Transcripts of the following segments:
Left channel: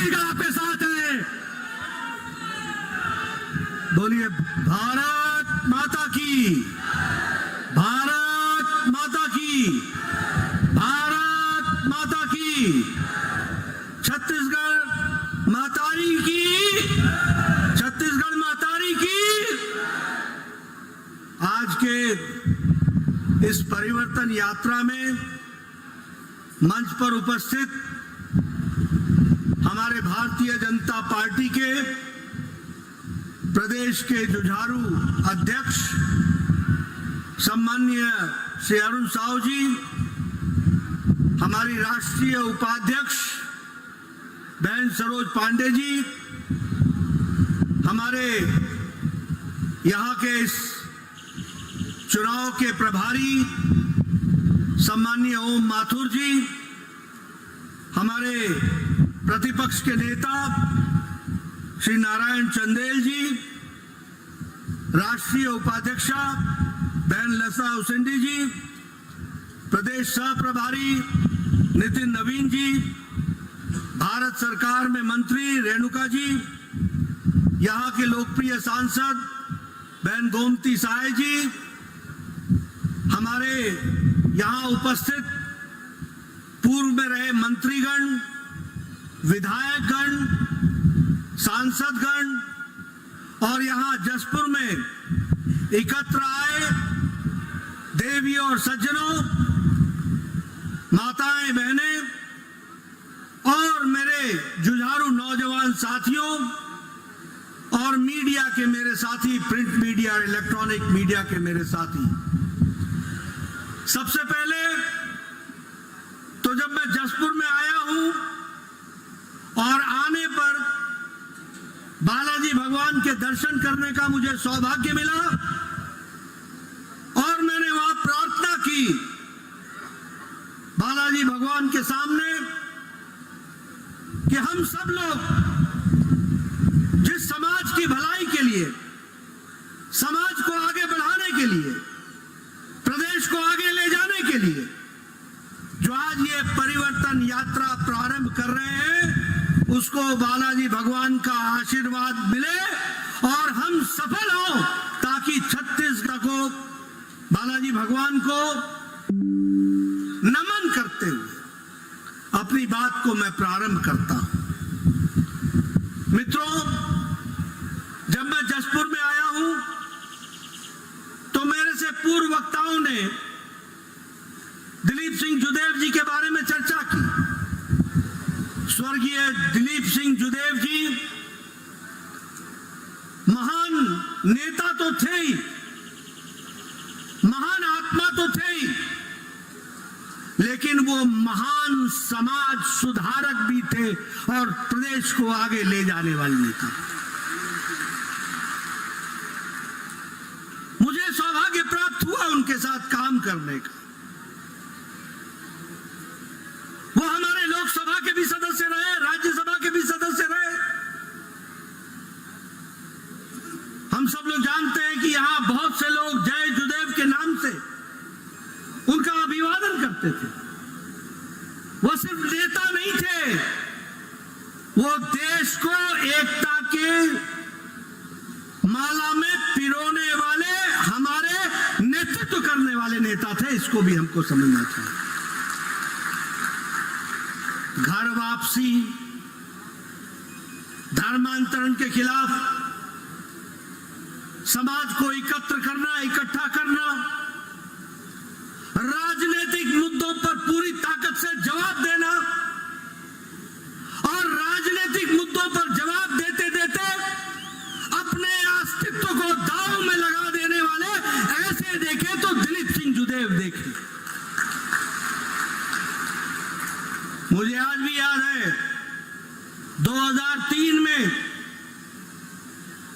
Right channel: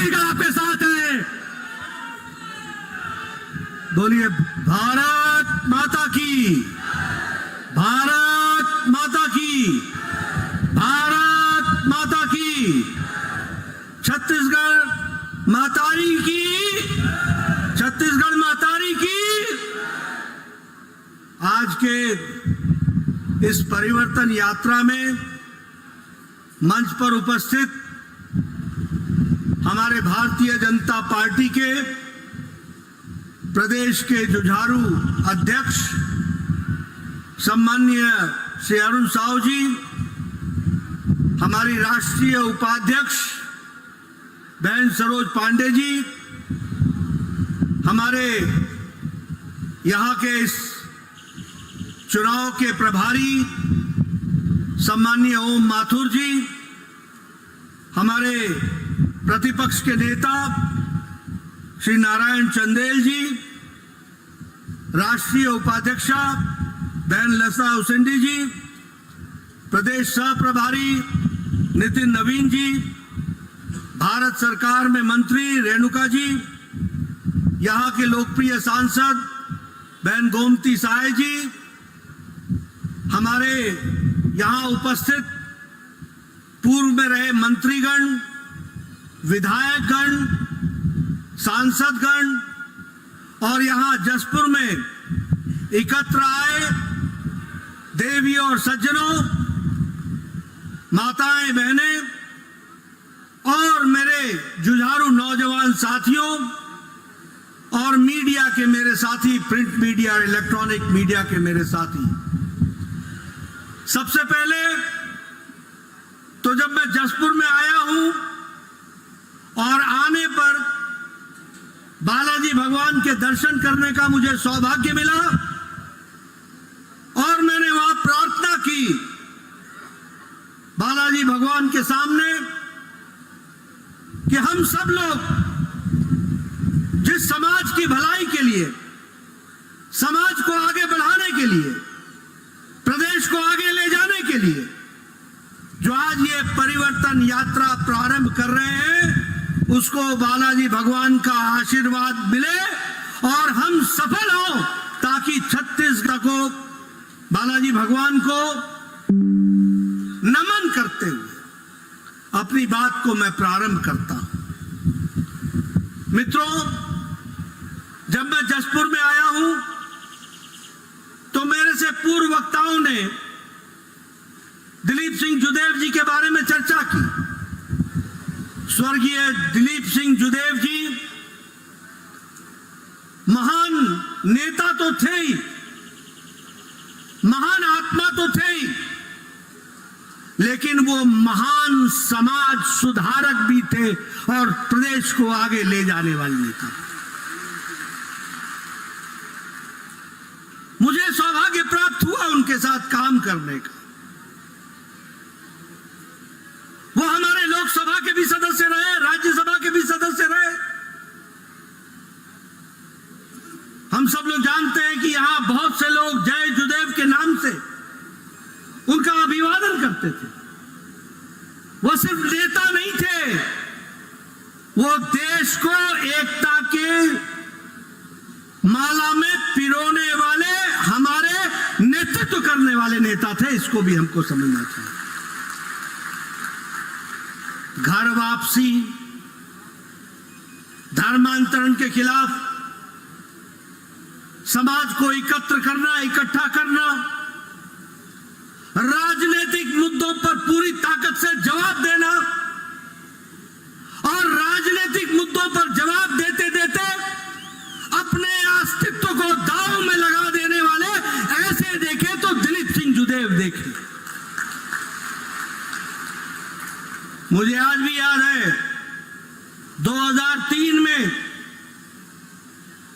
छत्तीसगढ़ आपके साथ है। बोलिए भारत माता की, भारत माता की, भारत माता की। छत्तीसगढ़ मातारी की, छत्तीसगढ़ मातारी की। आज के इस परिवर्तन यात्रा में मंच पर उपस्थित हमारे भारतीय जनता पार्टी के प्रदेश के जुझारू अध्यक्ष सम्माननीय श्री अरुण साहू जी, हमारी राष्ट्रीय उपाध्यक्ष बहन सरोज पांडे जी, हमारे यहाँ के इस चुनाव के प्रभारी सम्माननीय ओम माथुर जी, हमारे प्रतिपक्ष के नेता श्री नारायण चंदेल जी, राष्ट्रीय उपाध्यक्षा बहन लता उसेंडी जी, प्रदेश सह प्रभारी नितिन नवीन जी, भारत सरकार में मंत्री रेणुका जी, यहाँ के लोकप्रिय सांसद बहन गोमती साय जी, हमारे यहाँ उपस्थित पूर्व में रहे मंत्रीगण, विधायकगण, सांसदगण और यहाँ जसपुर में एकत्र आए देवियों और सज्जनों, माताएं बहनें और मेरे जुझारू नौजवान साथियों और मीडिया के मेरे साथी, प्रिंट मीडिया और इलेक्ट्रॉनिक मीडिया के मेरे साथी। सबसे पहले तो जब मैं जसपुर में आया हूं और आने पर बालाजी भगवान के दर्शन करने का मुझे सौभाग्य मिला और मैंने वहां प्रार्थना की बालाजी भगवान के सामने कि हम सब लोग जिस समाज की भलाई के लिए, समाज को आगे बढ़ाने के लिए, प्रदेश को आगे ले जाने के लिए जो आज ये परिवर्तन यात्रा प्रारंभ कर रहे हैं, उसको बालाजी भगवान का आशीर्वाद मिले और हम सफल हों, ताकि छत्तीसगढ़ को बालाजी भगवान को नमन करते हुए अपनी बात को मैं प्रारंभ करता हूं। मित्रों, जब मैं जसपुर में आया हूं तो मेरे से पूर्व वक्ताओं ने दिलीप सिंह जुदेव जी के बारे में चर्चा की। स्वर्गीय दिलीप सिंह जुदेव जी महान नेता तो थे ही, महान आत्मा तो थे ही, लेकिन वो महान समाज सुधारक भी थे और प्रदेश को आगे ले जाने वाले नेता। मुझे सौभाग्य प्राप्त हुआ उनके साथ काम करने का। वो हमारे लोकसभा के भी सदस्य रहे, राज्यसभा के भी सदस्य रहे। हम सब लोग जानते हैं कि यहां बहुत से लोग जय जुदेव के नाम से उनका अभिवादन करते थे। वो सिर्फ नेता नहीं थे, वो देश को एकता के माला में पिरोने वाले, हमारे नेतृत्व करने वाले नेता थे। इसको भी हमको समझना चाहिए। घर वापसी, धर्मांतरण के खिलाफ समाज को एकत्र करना, इकट्ठा करना, राजनीतिक मुद्दों पर पूरी ताकत से जवाब देना और राजनीतिक मुद्दों पर जवाब देते देते अपने अस्तित्व को दांव में लगा देने वाले ऐसे देखे तो दिलीप सिंह जुदेव देखे। मुझे आज भी याद है 2003 में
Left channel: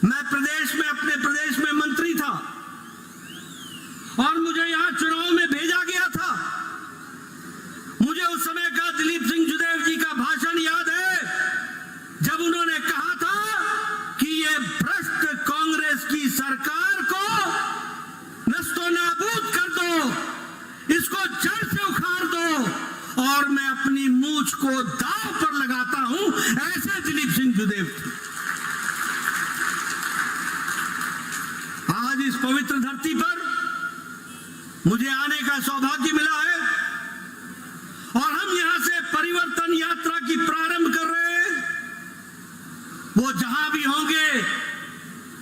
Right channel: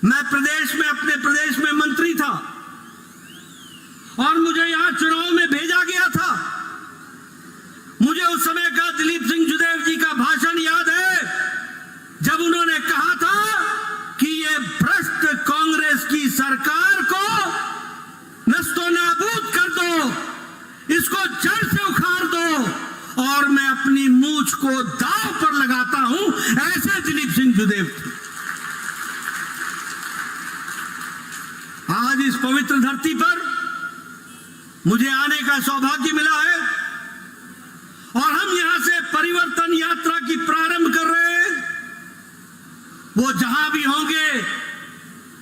मैं अपने प्रदेश में मंत्री था और मुझे यहां चुनाव में भेजा गया था। मुझे उस समय का दिलीप सिंह जुदेव जी का भाषण याद है, जब उन्होंने कहा था कि ये भ्रष्ट कांग्रेस की सरकार को नस्तो नाबूद कर दो, इसको जड़ से उखाड़ दो और मैं अपनी मूंछ को दांव पर लगाता हूं। ऐसे दिलीप सिंह जुदेव थे। आज इस पवित्र धरती पर मुझे आने का सौभाग्य मिला है और हम यहां से परिवर्तन यात्रा की प्रारंभ कर रहे हैं। वो जहां भी होंगे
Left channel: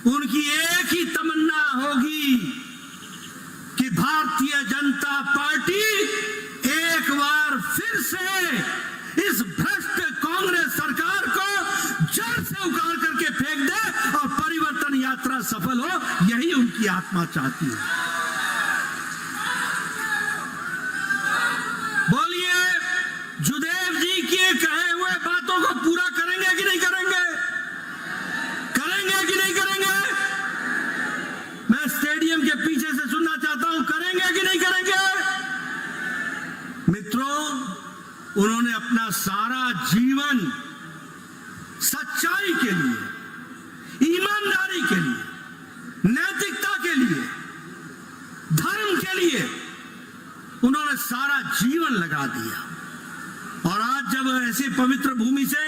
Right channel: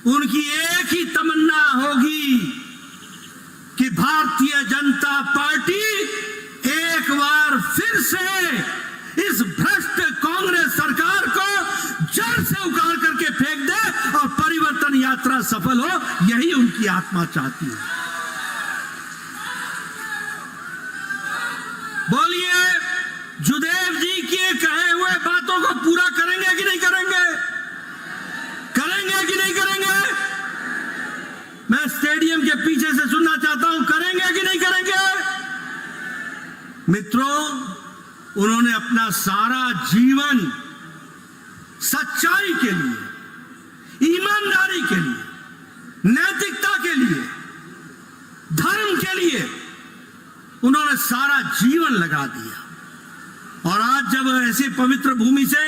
उनकी एक ही तमन्ना होगी कि भारतीय जनता पार्टी एक बार फिर से इस भ्रष्ट कांग्रेस सरकार को जड़ से उखाड़ करके फेंक दे और परिवर्तन यात्रा सफल हो, यही उनकी आत्मा चाहती है। बोलिए, जुदेव जी के कहे हुए बातों को पूरा करेंगे कि नहीं करेंगे? करेंगे कि नहीं करेंगे? मैं स्टेडियम के पीछे से सुनना चाहता हूं, करेंगे कि नहीं करेंगे? मित्रों, उन्होंने अपना सारा जीवन सच्चाई के लिए, ईमानदारी के लिए, नैतिकता के लिए, धर्म के लिए उन्होंने सारा जीवन लगा दिया। और आज जब ऐसी पवित्र भूमि से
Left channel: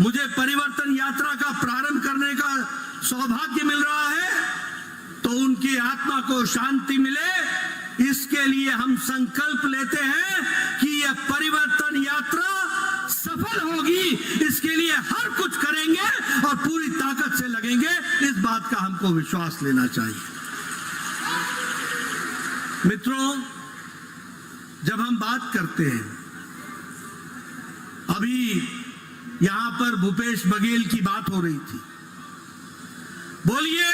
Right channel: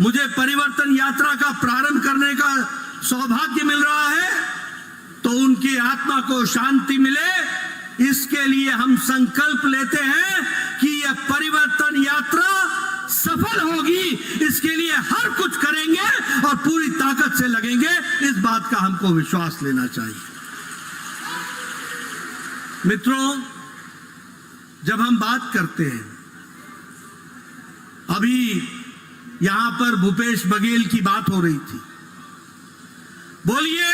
मुझे परिवर्तन यात्रा का प्रारंभ करने का सौभाग्य मिल रहा है तो उनकी आत्मा को शांति मिले, इसके लिए हम संकल्प लेते हैं कि यह परिवर्तन यात्रा सफल होगी। इसके लिए हर कुछ करेंगे और पूरी ताकत से लगेंगे, इस बात का हमको विश्वास लेना चाहिए। मित्रों, जब हम बात करते हैं, अभी यहां पर भूपेश बघेल की बात हो रही थी। बोलिए,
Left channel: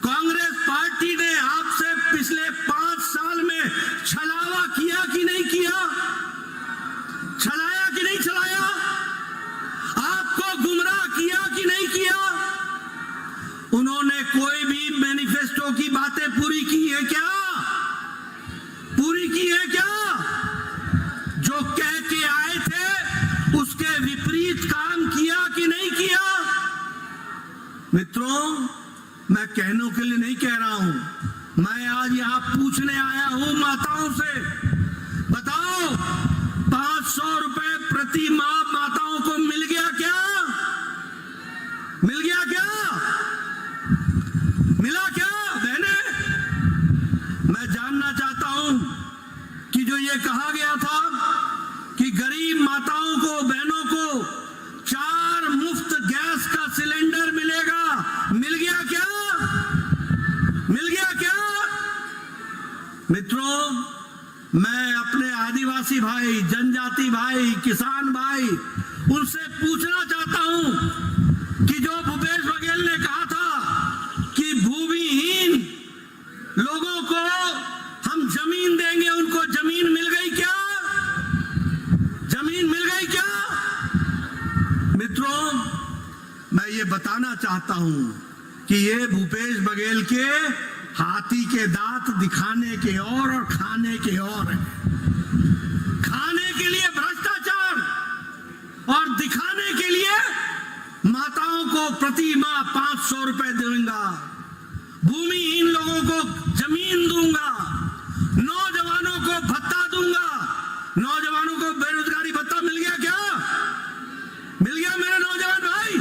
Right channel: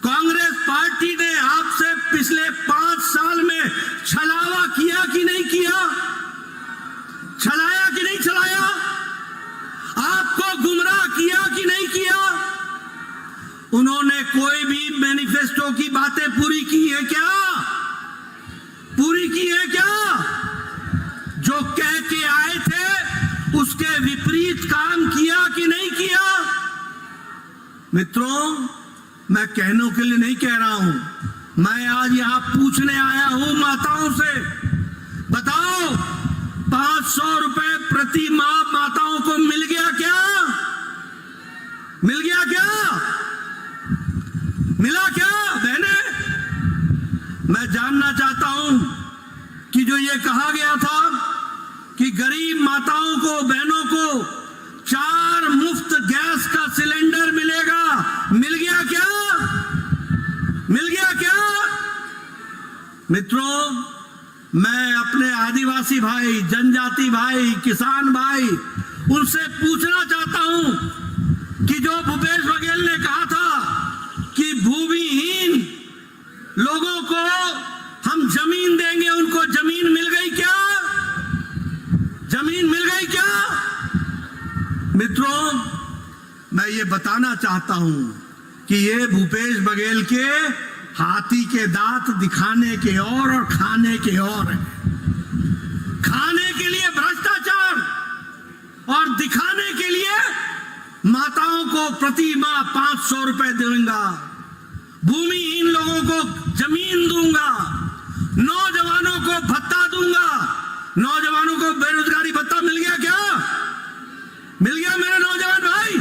कांग्रेस पार्टी ने आपसे पिछले 5 साल में छलावा किया कि नहीं किया? छलाया कि नहीं छलाया? आपको गुमराह किया कि नहीं किया? उन्होंने कोई भी मैनिफेस्टो की बातें पूरी की है क्या? पूरी की है क्या? जो कह के आए थे उसके विपरीत काम किया कि नहीं किया? मित्रों, मैं कहने के लिए नहीं कह रहा हूं, मैं आज यहां पूछने आया हूं माताओं से। बताओ, 500 रुपए प्रति माह माताओं को मिल गया क्या? मिल गया क्या? मिला क्या बहने? मैं जानना चाहता हूं कि जो ये कहा गया था कि गरीब माताओं को, बहनों को 4 मुफ्त गैस का सिलेंडर मिलेगा, मिल गया क्या? मिल गया क्या? मित्रों, मैं अपने आदिवासी भाई, जनजाति भाई, किसान भाई, उनसे पूछना चाहता हूं कि जो भूपेश बघेल ने कहा था कि भूमिहीन लोगों को हम जमीन देंगे, उनको जमीन मिल गई क्या? जमीन मिल गई क्या? मित्रों, मैं ये बताना चाहता हूं कि ये भूपेश बघेल के हाथी के दांत दिखाने के और खाने के और है। खाने के लिए भ्रष्टाचार और दिखाने के लिए माताओं को प्रति माह 500 रुपए दूंगा, भूमिहीन लोगों को जमीन दूंगा, नौजवानों को भत्ता दूंगा। नौजवानों को बेरोजगारी भत्ता मिल गया क्या? मिल गया मेरे नौजवान भाई?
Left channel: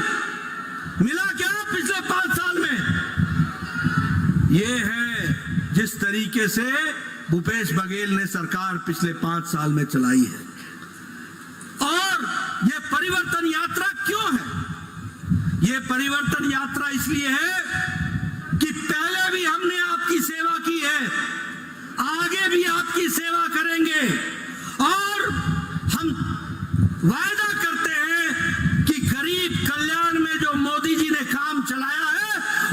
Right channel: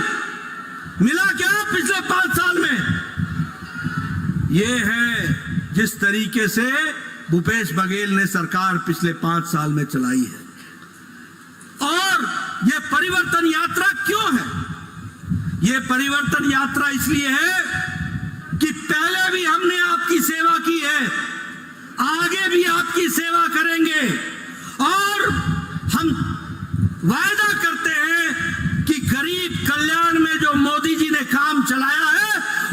मिला क्या पिछले 5 साल में? ये है जिस तरीके से भूपेश बघेल ने सरकार पिछले 5 साल में चलाई है। और ये परिवर्तन यात्रा क्यों है? ये परिवर्तन यात्रा इसलिए है कि पहले भी हमने आपकी सेवा की है, आगे भी आपकी सेवा करेंगे और हम वायदा करते हैं कि गरीब कल्याण में जो मोदी जी ने काम चलाया है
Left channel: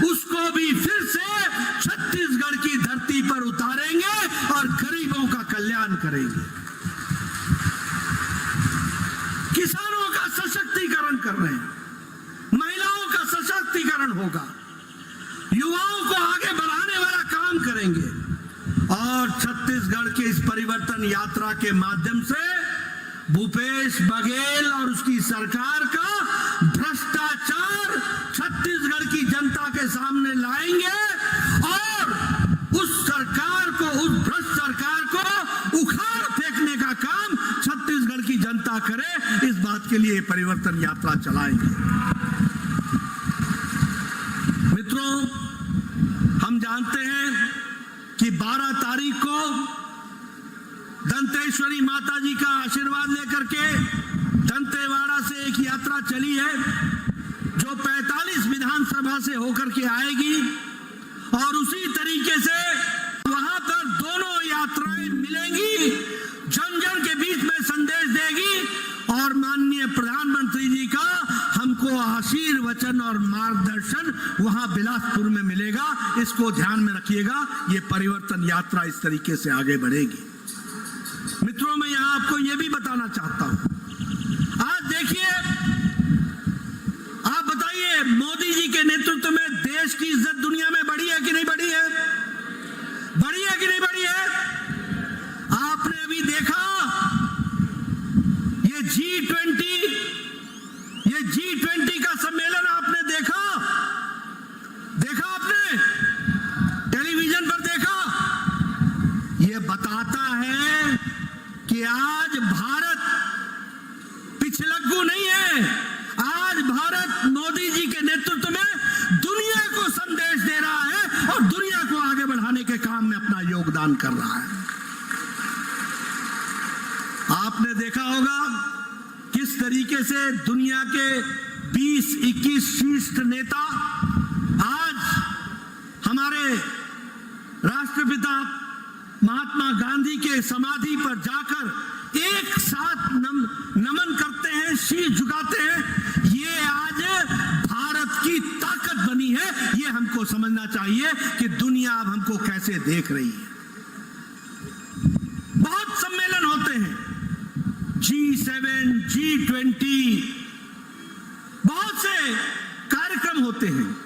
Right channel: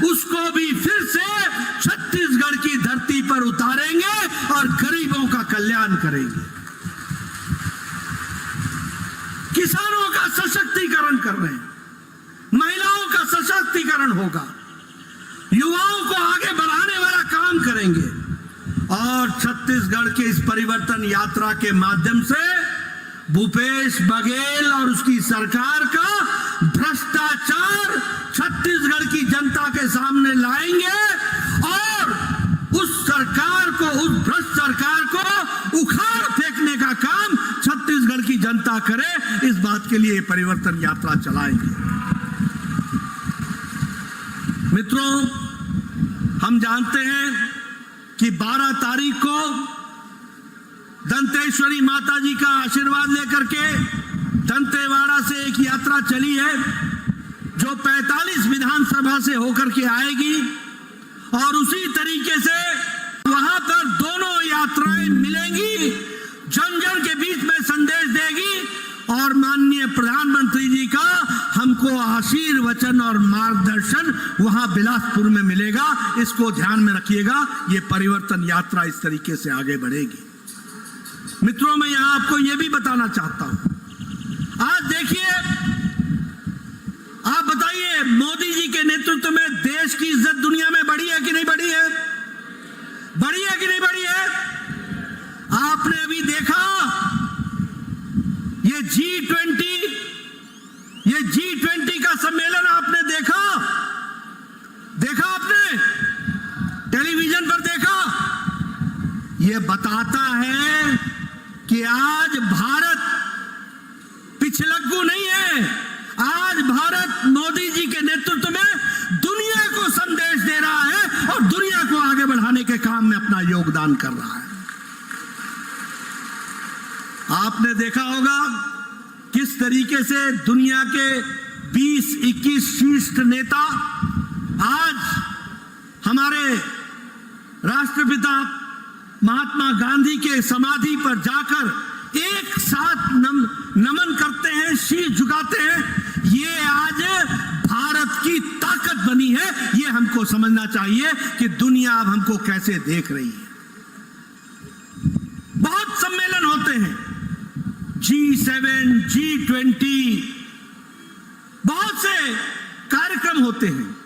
उसको भी फिर से छत्तीसगढ़ की धरती पर उतारेंगे और गरीबों का कल्याण करेंगे। किसानों का सशक्तिकरण कर रहे हैं, महिलाओं का सशक्तिकरण होगा, युवाओं को आगे बढ़ाने वाला काम करेंगे और छत्तीसगढ़ के इस परिवर्तन यात्रा के माध्यम से भूपेश बघेल और उसकी सरकार का भ्रष्टाचार छत्तीसगढ़ की जनता के सामने लाएंगे और उस सरकार को, उस भ्रष्ट सरकार को उखाड़ फेंकने का काम छत्तीसगढ़ की जनता जनता करे, इस बात के लिए परिवर्तन यात्रा चलाएंगे। मित्रों, हम जानते हैं कि 12 तारीख को दंतेश्वरी माता जी का आशीर्वाद लेकर के दंतेवाड़ा से एक यात्रा चली है जो 45 विधानसभा से होकर के आएगी और उसी तरीके से वहां पर दोनों यात्राएं मिलेंगी, जन जन के बीच में संदेश देगी और माननीय प्रधानमंत्री जी का हमको आशीर्वचन और मार्गदर्शन वहां बिलासपुर में मिलेगा। इसको ध्यान में रखिएगा, ये परिवर्तन यात्रा इस तरीके से आगे बढ़ेगी। मित्रों, मैं यहां आपको यह भी बताना चाहता हूं, आज देखिए, आप बताइए, मोदी जी के नेतृत्व में देश की इज्जत दुनिया में बढ़ी है कि नहीं बढ़ी है? बढ़ी है कि नहीं बढ़ी है? आपने अभी देखा ये G20 का सम्मेलन आपने देखा आपने टेलीविजन पर देखा? ये बताता है कि आज भारत पिछलग्गू नहीं है। आज भारत मोदी जी के नेतृत्व में दुनिया को संदेश दे रहा है और दुनिया को आगे बढ़ाने के काम में अपना योगदान कर रहा है। आपने देखा होगा किस तरीके से दुनिया के 20-21 शीर्ष नेता आज हमारे राष्ट्रपिता महात्मा गांधी के समाधि पर जाकर एक साथ नमन करते हैं, शीश झुकाते हैं। ये आज भारत की ताकत बनी है। ये हमको समझना चाहिए कि दुनिया अब हमको कैसे देख रही है। बहुत सम्मेलन होते हैं, G7, G20, बहुत से कार्यक्रम होते हैं,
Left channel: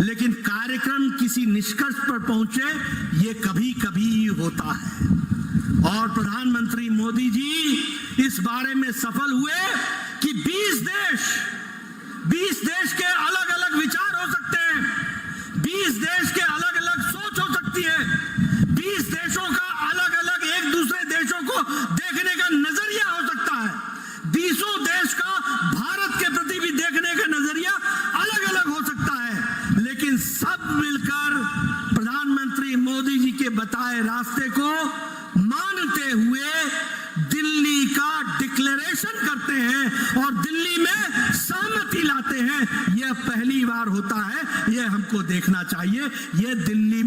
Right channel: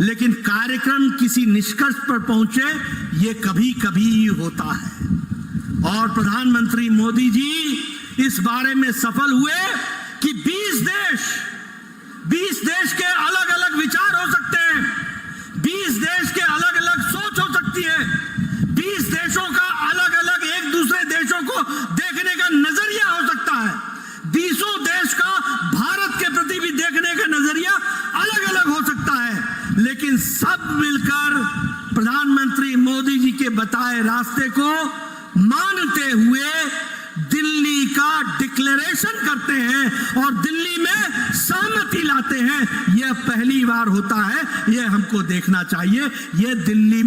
लेकिन कार्यक्रम किसी निष्कर्ष पर पहुंचे ये कभी कभी होता है। और प्रधानमंत्री मोदी जी इस बारे में सफल हुए कि 20 देश के अलग अलग विचार हो सकते हैं, 20 देश के अलग अलग सोच हो सकती है, 20 देशों का अलग अलग एक दूसरे देशों को देखने का नजरिया हो सकता है, 20 देश का भारत के प्रति भी देखने का नजरिया अलग अलग हो सकता है, लेकिन सब मिलकर प्रधानमंत्री मोदी जी के बताए रास्ते को मानते हुए दिल्ली का डिक्लेरेशन करते हैं और दिल्ली में सहमति लाते हैं। यह पहली बार होता है, यह हमको देखना चाहिए। यह दिल्ली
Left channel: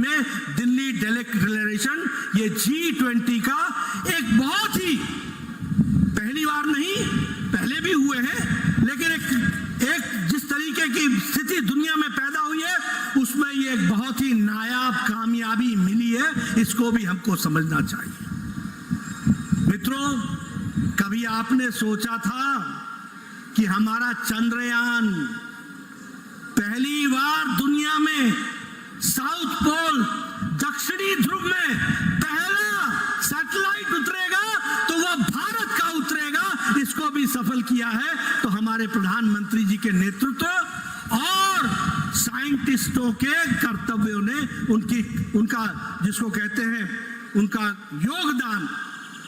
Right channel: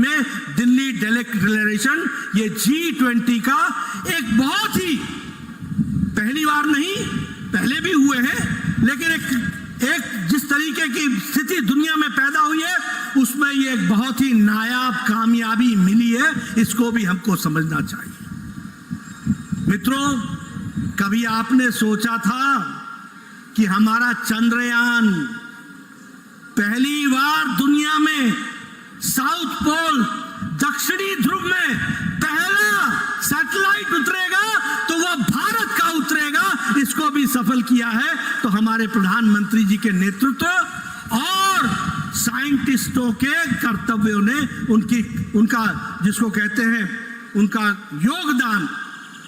डिक्लेरेशन, ये G20 का एक बहुत ही, पहली बार नहीं, पहले भी हुए हैं, लेकिन एक जिस तरीके की स्थिति दुनिया में पैदा हुई है उसमें ये एक बहुत ही नायाब कामयाबी मिली है। इसको भी हमको समझना चाहिए। मित्रों, कभी आपने सोचा था कि हमारा चंद्रयान पहली बार दुनिया में साउथ पोल, दक्षिणी ध्रुव में पहला सैटेलाइट उतरेगा तो वो भारत का उतरेगा? इसको भी सफल किया है तो हमारे प्रधानमंत्री जी के नेतृत्व और साइंटिस्टों के कर्तव्यों ने, उनका जिसको कहते हैं उनका योगदान,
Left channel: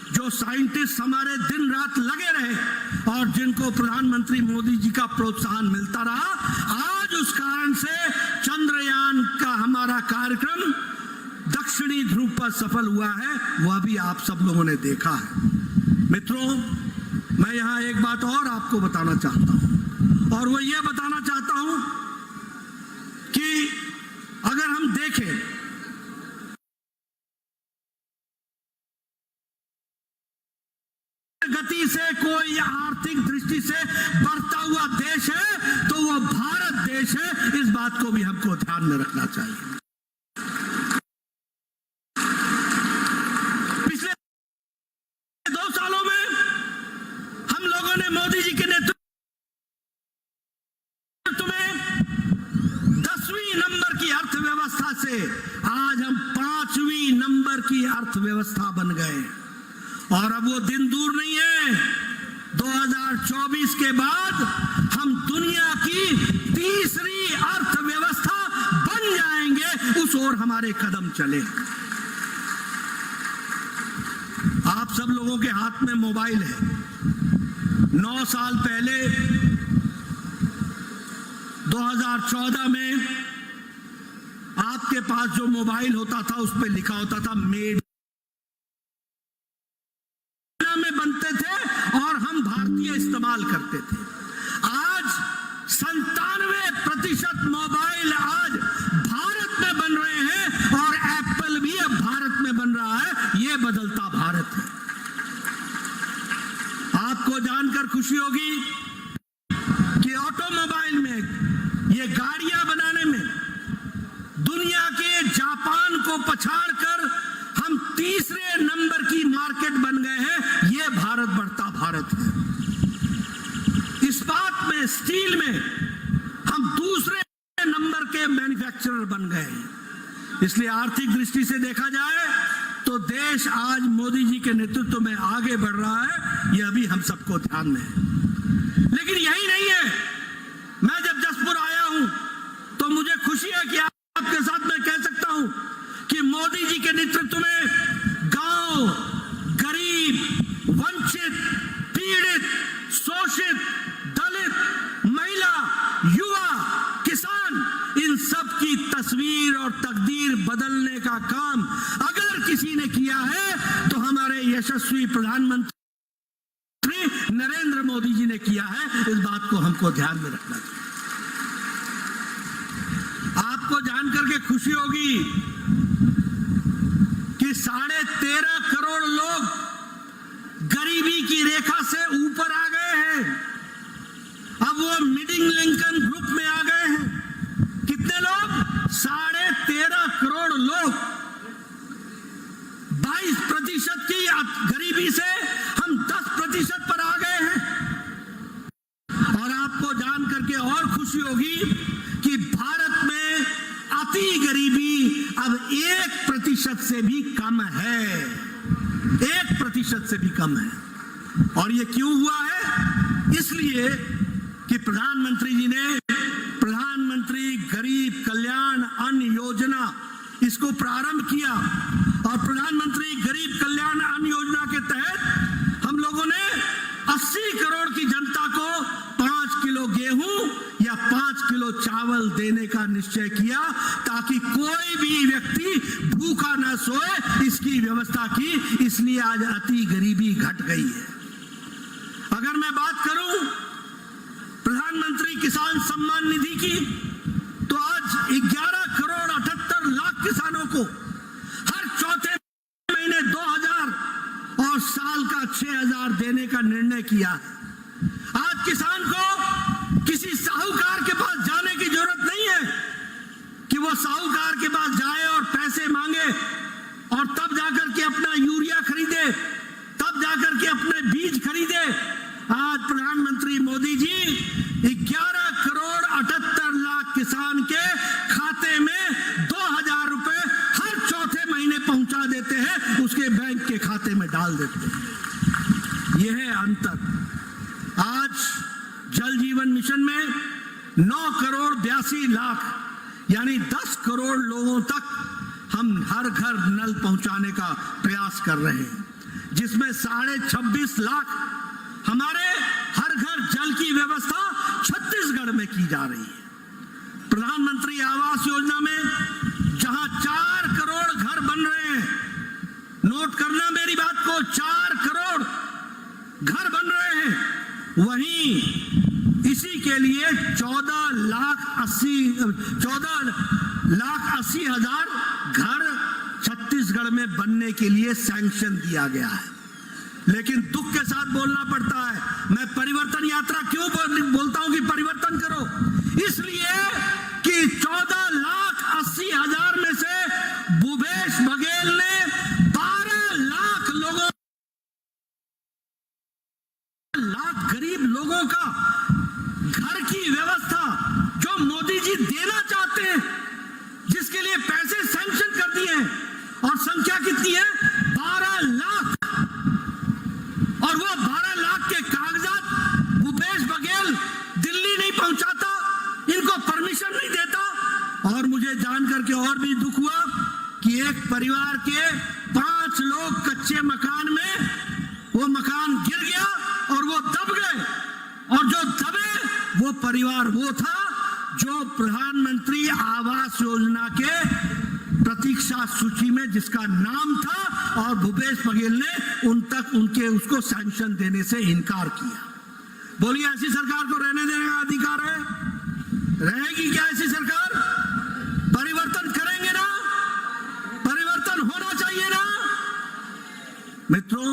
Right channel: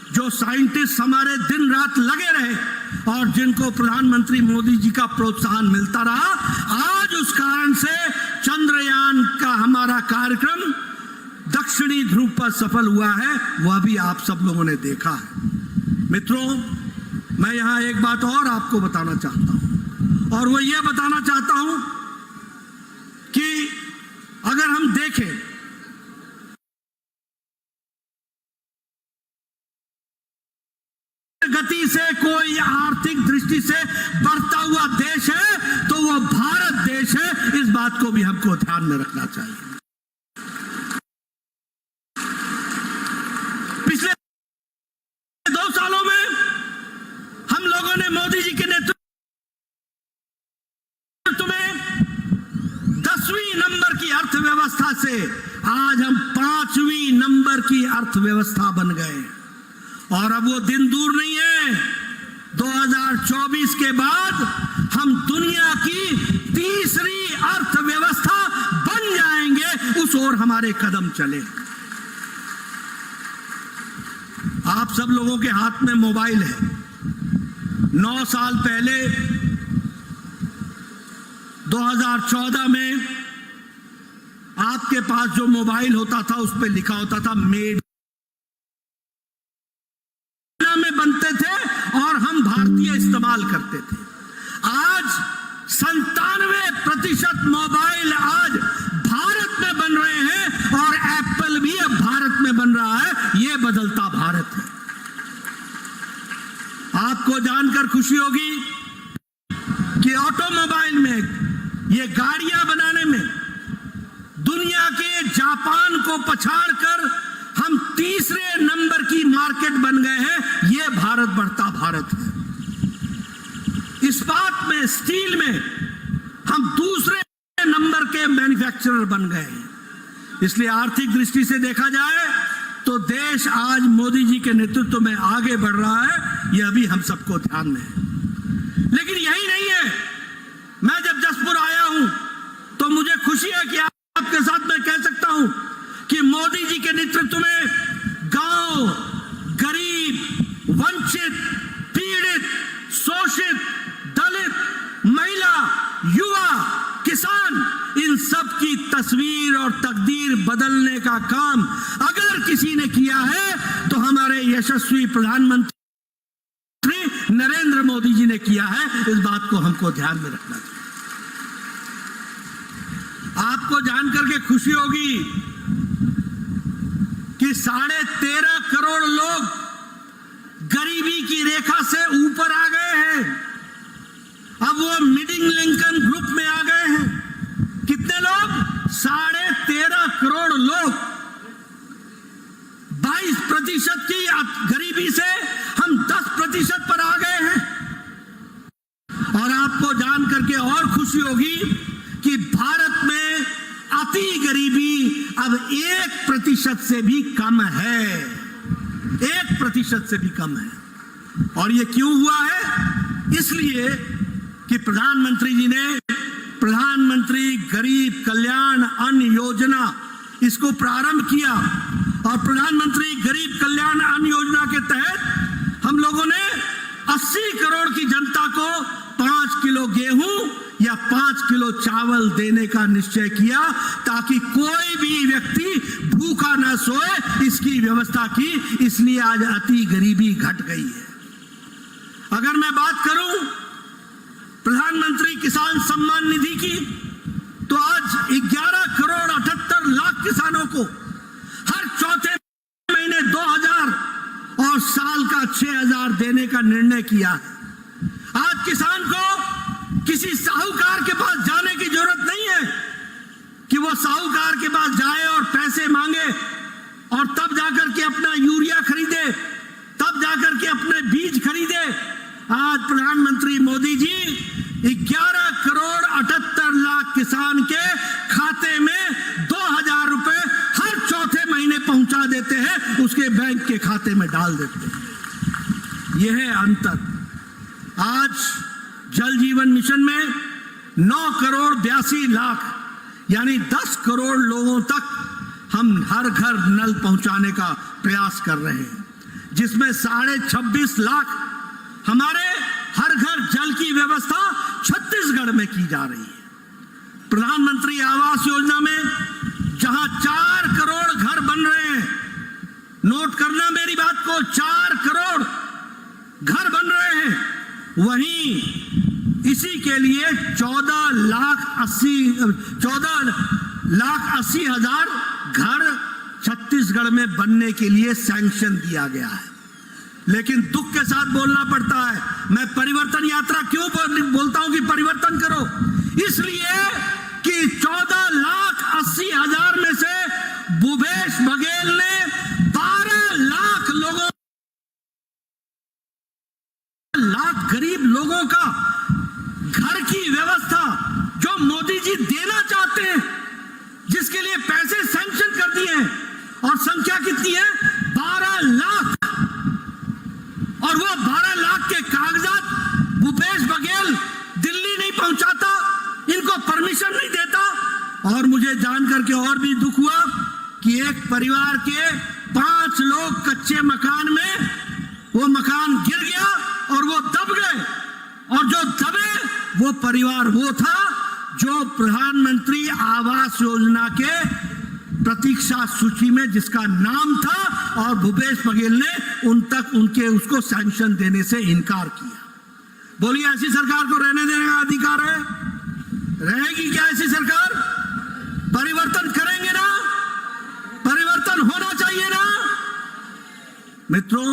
जो साइंटिस्ट हमारे दिन रात लगे रहे और जिनको प्रधानमंत्री मोदी जी का प्रोत्साहन मिलता रहा, आज उस कारण से चंद्रयान का हमारा कार्यक्रम दक्षिणी ध्रुव पर सफल हुआ है। वह भी आप सब लोगों ने देखा है। मित्रों, मैं यहां एक बात और आपको बताना चाहता हूं और वो ये बताना चाहता हूं कि अगर हम देखें गति से कोई आर्थिक दृष्टि से बढ़ता हुआ देश है तो वो भारत देश है। इस बात को भी हमको ध्यान में रखना चाहिए। पिछले 2 सालों में हम लोगों ने मोदी जी के नेतृत्व में 10वीं नंबर की अर्थव्यवस्था से आज हम 5वीं नंबर की अर्थव्यवस्था बन गए और अब वो दिन दूर नहीं है। 2024 के बाद हम दुनिया की तीसरी अर्थव्यवस्था बन जाएंगे, उस ओर हमारे कदम चले। आप सब लोगों के हाथ में मोबाइल है, 9 साल पहले 2014 में आपके पास जो मोबाइल होता था उस पर लिखा होता था मेड में बनते थे और हम भारतीय इस्तेमाल करते थे। आज 97% मोबाइल आज भारत में बन रहे हैं और एप्पल भी अब भारत में बन रहा है। यह बदलता भारत है। आपको जानकर खुशी होगी कि ऑटोमोबाइल में, ये गाड़ियां बनाने में दुनिया के जापान को पछाड़कर हम तीसरे नंबर की मार्केट बन गए हैं। यह भारत बढ़ता भारत है। इस्पात में, स्टील में हम दूसरे नंबर के मैन्युफैक्चरर बन गए हैं। इसलिए आर्थिक दृष्टि से देखा जाए तो देश आज मोदी जी के नेतृत्व में आगे बढ़ रहा है। यह अभी हम सबको ध्यान में है। लेकिन यही नहीं है। मैं जब जसपुर आया हूं तो मुझे खुशी है कि आपके साथ मैं कह सकता हूं कि मोदी जी के नेतृत्व में गांव, गरीब, वंचित, पीड़ित, शोषित, दलित, महिला, युवा, किसान, इन सब की तस्वीर और तकदीर बदलने का काम अगर किसी ने किया है तो हमारे यशस्वी प्रधानमंत्री नरेंद्र मोदी जी ने किया है। इस बात को हमको ध्यान में रखना चाहिए। आपको जानकर के खुशी होगी कि 13.5 करोड़ लोग गरीबी की रेखा से ऊपर आ गए हैं। अब वो मिडिल इनकम ग्रुप में आ गए हैं। कितने लोग? 13.5 करोड़ लोग। 22% की गरीबी से हम 10% पर आ गए हैं। और आपको जान करके और खुशी होगी कि भारत में अति गरीबी अब 1% से भी कम है। 1% से भी कम है। और ये क्यों हुआ है? इसलिए कि प्रधानमंत्री जी ने प्रधानमंत्री गरीब कल्याण अन्न योजना इसको प्रारंभ किया। और प्रधानमंत्री गरीब कल्याण अन्न योजना के तहत हम लोगों ने 80 करोड़ की जनता को 5 किलो गेहूं या 5 किलो चावल देने का निश्चय किया ताकि कोई भी व्यक्ति भूखा न सोए। इसकी व्यवस्था की। इसलिए आज अति गरीबी घट गई है। अगर मैं बात करूं प्रधानमंत्री किसान सम्मान निधि की तो आज 11 करोड़ 78 लाख किसानों को हर चौथे महीने 2000 और साल का 6000 देने का निर्णय किया है। आज किसान को किसी साहूकार के पास जाने की जरूरत नहीं है कि वो साहूकार के पास जाए और पैसे मांगे और तब जाकर के अपना यूरिया खरीदे, तब जाकर के अपने बीज खरीदे। आज प्रधानमंत्री मोदी जी 11 करोड़ 78 लाख किसान के खाते में 2000 रुपए हर चौथे महीने पहुंचा देते हैं, उसके बैंक के खाते में डाल देते हैं। यह है अंतर। आज जल जीवन मिशन में 9 करोड़ 82 लाख यानी 10 करोड़ लोगों तक हम हर घर नल पहुंचाने का प्रयास कर रहे हैं, जिसमें 26.5 लाख हमारे हर घर जल की व्यवस्था छत्तीसगढ़ में की जा रही है। प्रधानमंत्री आवास योजना में जहां 4 करोड़ घर बन रहे हैं, नोट करना मेरी बात को, 4 करोड़ घर बन रहे हैं, वहीं इसी के लिए 14 लाख 80 हजार घर छत्तीसगढ़ में बनने के लिए सैंक्शन दिया गया है। लेकिन दुख के साथ बोलना पड़ता है। मैं परिवर्तन यात्रा क्यों बोलता हूं कि परिवर्तन करो? इसलिए कि 14 लाख 80 हजार में से भूपेश बघेल ने 12 लाख गरीब लोगों का घर की व्यवस्था जो मोदी जी देना चाहते हैं, जिसके लिए पैसे सैंक्शन कर दिए हैं, और संख्या कितनी है? 12 लाख। और वो 12 लाख के कागजात भूपेश बघेल दिल्ली नहीं पहुंचाता, इनको परमिशन नहीं देता। और मुझे जानकर के और भी दुख हुआ कि एक परिवार के 5 लोग कच्चे मकान में, वो मकान गिर गया और वो दब गए, और जो दबे वो परिवार वो था जो प्रधानमंत्री आवास योजना के प्रतीक्षा सूची में जिसका नाम था, और भूपेश बघेल ने उन तक उसको सैंक्शन देने से इनकार किया। बोलिए, ऐसी सरकार को रहने देने का अधिकार है? रहेगी क्या ऐसी सरकार? परिवर्तन करेंगे ना? परिवर्तन होना चाहिए ना? मित्रों,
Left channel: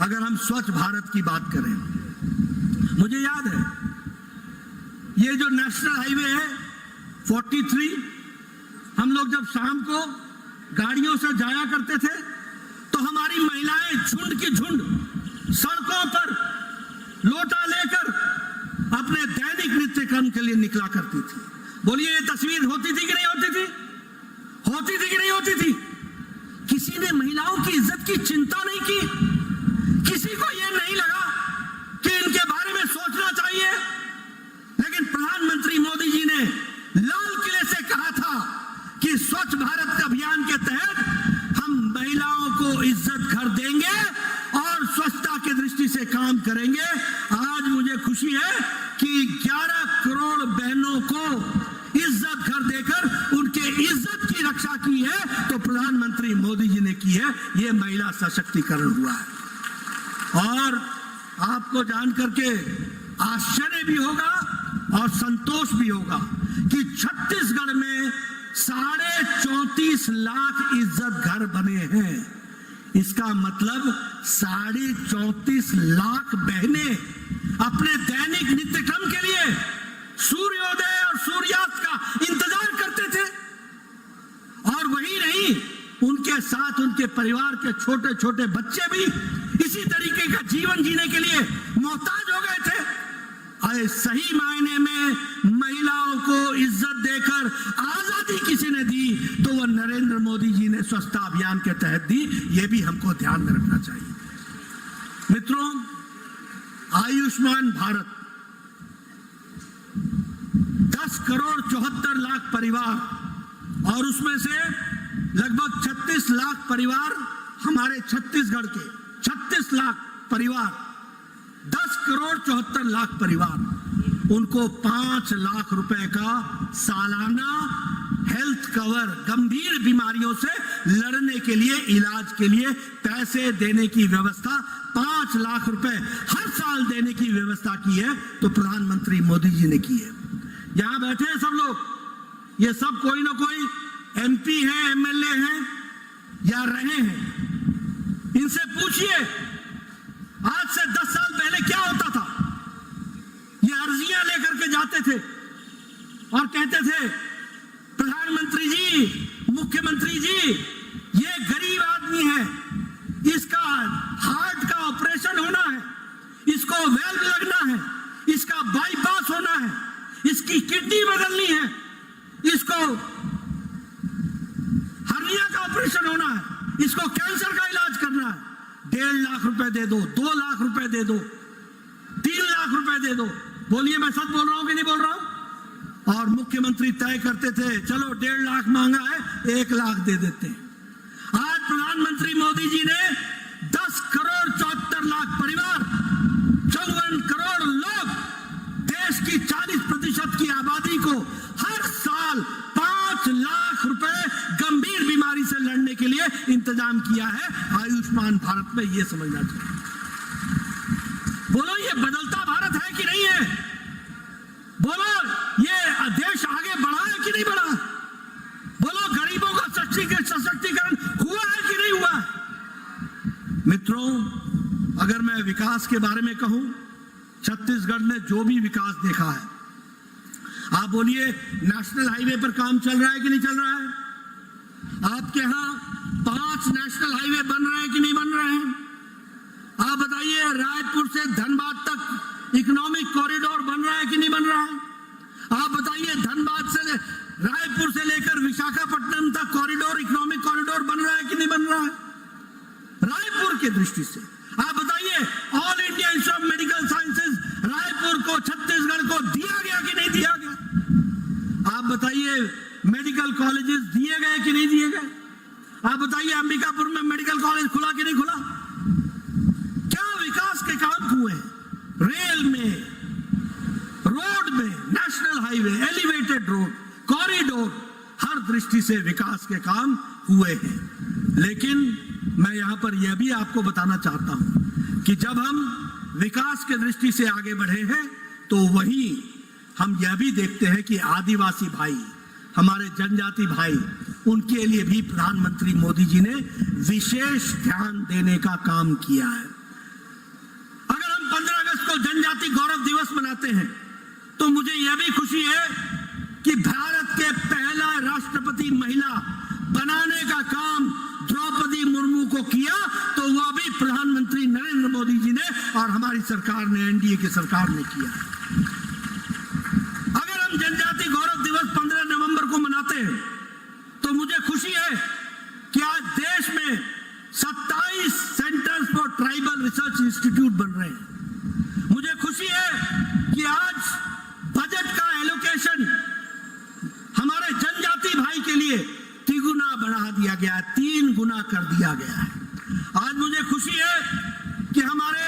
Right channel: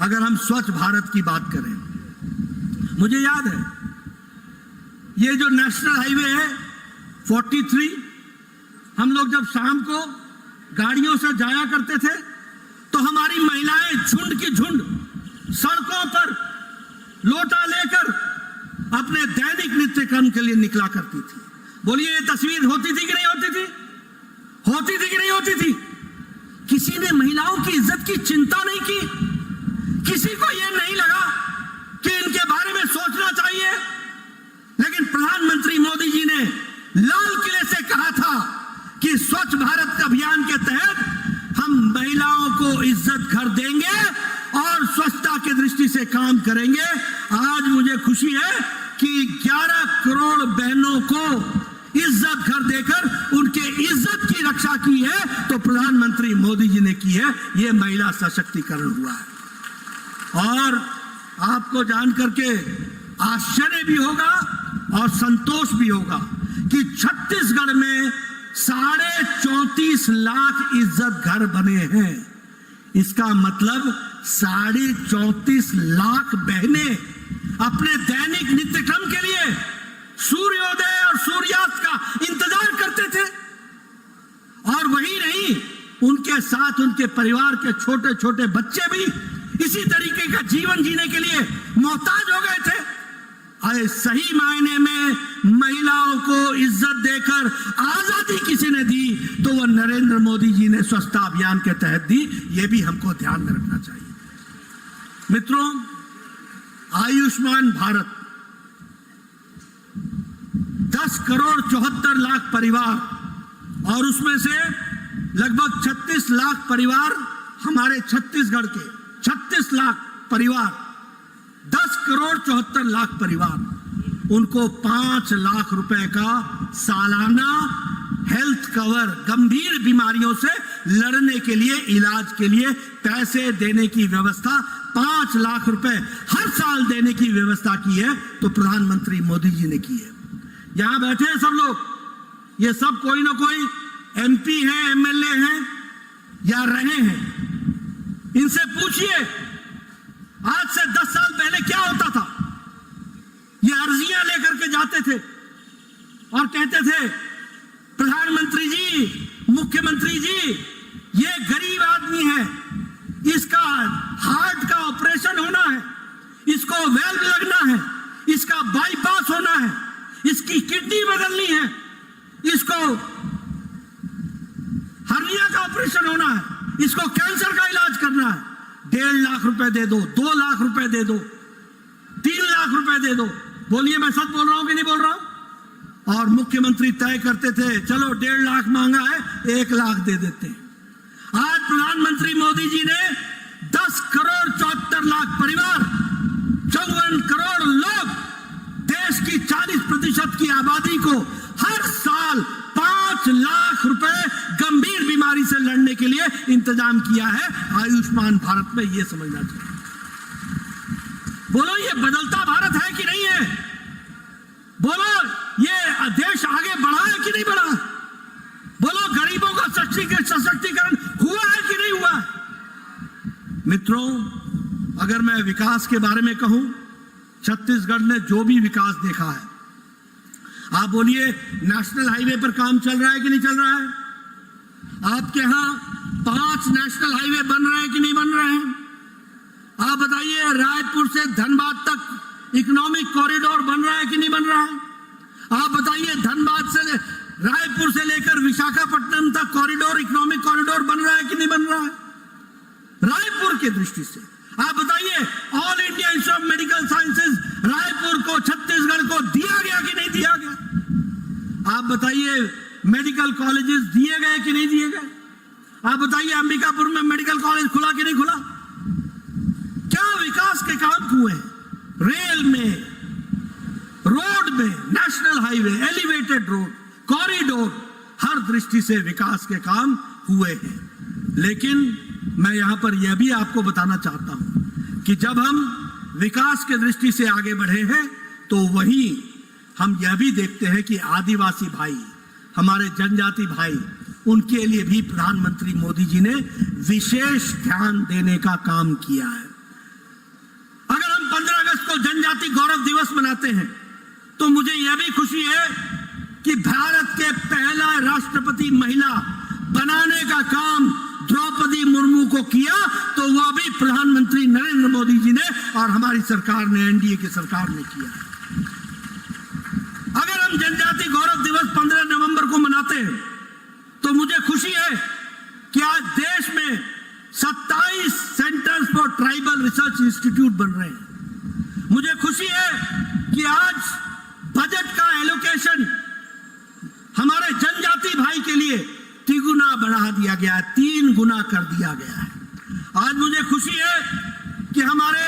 अगर हम स्वच्छ भारत की बात करें, मुझे याद है ये जो नेशनल हाईवे है 43, हम लोग जब शाम को गाड़ियों से जाया करते थे तो हमारी महिलाएं झुंड की झुंड सड़कों पर लोटा लेकर अपने दैनिक नित्य कर्म के लिए निकला करती थी। बोलिए, ये तस्वीर होती थी कि नहीं होती थी? होती थी कि नहीं होती थी? किसी ने महिलाओं की इज्जत की चिंता नहीं की? किसी को यह नहीं लगा कि इनके बारे में सोचना चाहिए? लेकिन प्रधानमंत्री मोदी जी ने लाल किले से कहा था कि स्वच्छ भारत अभियान के तहत हम महिलाओं को इज्जत घर देंगे और स्वच्छता की दृष्टि से काम करेंगे। आज मुझे खुशी है कि 11 करोड़ बहनों को इज्जत घर देकर उनके इज्जत की रक्षा की है तो प्रधानमंत्री मोदी जी ने की है। यह महिला सशक्तिकरण हुआ है। और आपको जान करके आश्चर्य भी होगा और संतोष भी होगा कि छत्तीसगढ़ में 34.5 लाख इज्जत घर बने हैं। इसका मतलब 34.5 लाख बहनें अपने दैनिक नित्यक्रम के लिए सूर्योदय और सूर्यास्त का इंतजार करते थे। और वही नहीं, उनके साथ उनके परिवार के छोटे छोटे बच्चे भी इसी तरीके का जीवन जीने के लिए मोहताज हो गए थे। अरे सही मायने में महिलाओं को इज्जत देकर आजादी किसी ने दी तो वह नरेंद्र मोदी जी ने स्वच्छता अभियान के तहत दी। यह भी हमको ध्यान में रखना चाहिए। मित्रों, आयुष्मान भारत 10 करोड़ 74 लाख परिवार और उसमें से लगभग 36 लाख परिवार हमारे छत्तीसगढ़ के 36 लाख परिवार, 10 करोड़ 74 लाख परिवार, उनको 5 लाख रुपए का सालाना हेल्थ कवर, गंभीर बीमारियों से लड़ने के लिए, इलाज के लिए पैसे देने की व्यवस्था 5 लाख रुपए हर साल देने की व्यवस्था की है तो प्रधानमंत्री मोदी जी ने की है। यहां बैठे हैं सब लोग, ये सब कोई ना कोई एमपी हैं, एमएलए हैं या रहे हैं। इनसे पूछिए आज से 10 साल पहले क्या होता था। ये अर्जियां लेकर के जाते थे और कहते थे, प्रधानमंत्री जी, मुख्यमंत्री जी, ये गरीब आदमी है, इसका हार्ट का ऑपरेशन होना है, इसको वेल्व लगना है, इसका बाईपास होना है, इसकी किडनी बदलनी है, इसको हर्निया का ऑपरेशन होना है, इसको कैंसर का इलाज करना है। 1.5 लाख रुपए दे दो, 2 लाख रुपए दे दो, 3 लाख रुपए दे दो। बोलिए, मैं सच बोल रहा हूं कि नहीं बोल रहा हूं? और मुख्यमंत्री तय करते थे, चलो 1.5 लाख मांगा है, 1 लाख दे देते हैं। आज प्रधानमंत्री मोदी जी ने 10 करोड़ 74 लाख परिवार, 54 करोड़ लोग, देश की 40% की आबादी को हर साल 5 लाख रुपए गंभीर बीमारी से लड़ने के लिए इंतजाम किया है आयुष्मान भारत में। यह समझना चाहिए। बोलो, ये बदलता भारत है कि नहीं है? बोलो, ये देश आगे बढ़ा है कि नहीं बढ़ा? बोलो, गरीबों का सशक्तिकरण हुआ है कि नहीं हुआ? मित्रों, अगर मैं विकास के बारे में कहूं, छत्तीसगढ़ ने जो भी विकास देखा है, आप बोलिए, नेशनल हाईवे पर काम चल रहा है कि नहीं चल रहा है? आपके यहां 5 नेशनल हाईवे बन रहे हैं कि नहीं बन रहे हैं? आप बताइए, रायपुर से धनबाद तक इकोनॉमिक कॉरिडोर बन रहा है कि नहीं बन रहा है? आप बताइए, धनबाद से रायपुर से लेकर विशाखापट्टनम तक कॉरिडोर, इकोनॉमिक कॉरिडोर बन रहा है कि नहीं बन रहा है? रायपुर की दृष्टि से आप बताइए, all India institute of medical sciences Raipur को, छत्तीसगढ़ को दिया गया कि नहीं दिया गया? आप बताइए, मेडिकल कॉलेजेस दिए गए कि नहीं दिए गए? आप बताइए, अंबिकापुर में मेडिकल कॉलेज खुला कि नहीं खुला? क्या विकास के से काम हुए हैं, रेल में, रोड में, national highway, elevated road, corridor, हर दृष्टि से विकास के काम हुए हैं। लेकिन मैं यहां पर यह भी आपको बताना चाहता हूं कि जब हम विकास के दृष्टि से आगे बढ़े हैं तो वहीं हम यह भी देखते हैं कि आदिवासी भाई, हमारे जनजाति भाई, उनके लिए भी प्रधानमंत्री मोदी जी ने विशेष ध्यान देने का काम किया है। अगर हम 15 अगस्त को जनजाति गौरव दिवस मनाते हैं तो मुझे यह भी खुशी है कि भारत के पहला राष्ट्रपति महिला बनाने का काम द्रौपदी मुर्मू को किया, तो वह भी प्रधानमंत्री नरेंद्र मोदी जी ने और हमारी सरकार ने, एनडीए की सरकार ने किया। अगर हम जनजाति गौरव दिवस 15 नवंबर को मनाते हैं तो मुझे खुशी है कि आज देश में 27 centres for tribal research institute बन रहे हैं। मुझे खुशी है कि आज बजट का एलोकेशन हमारे जनजाति भाई के लिए 3 गुना बढ़ा दिया गया है, 3 गुना कर दिया गया है। आज मुझे खुशी है कि हमारे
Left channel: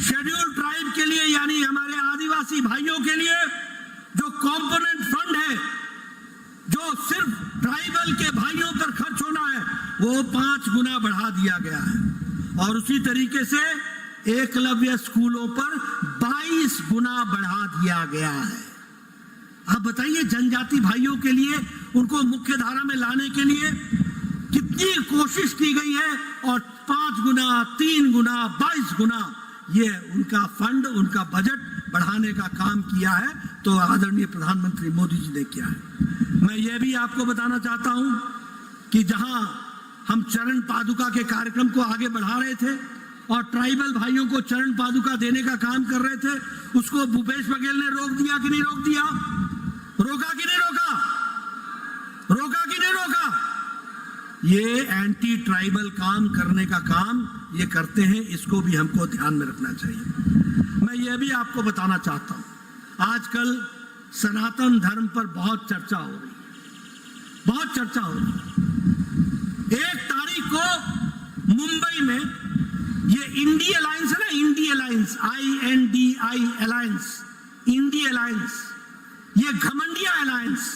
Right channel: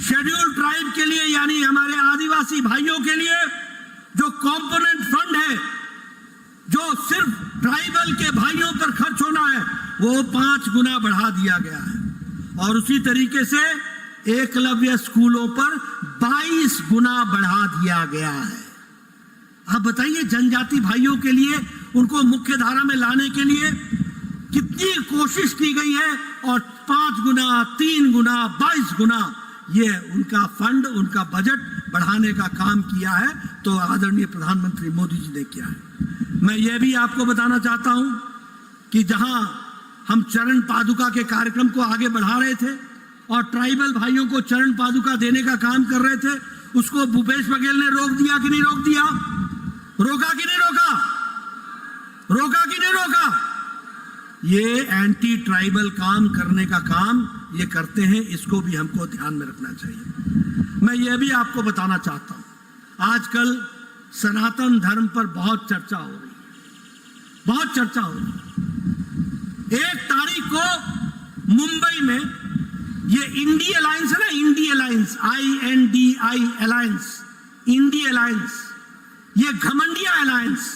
शेड्यूल्ड ट्राइब के लिए, यानी हमारे आदिवासी भाइयों के लिए जो कंपोनेंट फंड है, जो सिर्फ ट्राइबल के भाइयों पर खर्च होना है, वो 5 गुना बढ़ा दिया गया है। और उसी तरीके से एकलव्य स्कूलों पर 22 गुना बढ़ा दिया गया है। आप बताइए, जनजाति भाइयों के लिए, उनको मुख्य धारा में लाने के लिए कितनी कोशिश की गई है, और 5 गुना, 3 गुना, 22 गुना ये उनका फंड, उनका बजट बढ़ाने का काम किया है, तो आदरणीय प्रधानमंत्री मोदी जी ने किया है। मैं ये भी आपको बताना चाहता हूं कि जहां हम चरण पादुका के कार्यक्रम को आगे बढ़ा रहे थे और ट्राइबल भाइयों को चरण पादुका देने का काम कर रहे थे, उसको भूपेश बघेल ने रोक दिया कि नहीं रोक दिया? रोका कि नहीं रोका? रोका कि नहीं रोका? ये एंटी ट्राइबल काम करने का काम ये करते हैं, इसको भी हमको ध्यान में रखना चाहिए। मैं ये भी आपको बताना चाहता हूं, आजकल सनातन धर्म पर बहुत चर्चा हो रही है, बहुत चर्चा हो रही है। 1 तारीख को मुंबई में ये इंडी अलायंस है ना, INDI alliance, INDI alliance, INDI alliance, ये घमंडिया अलायंस,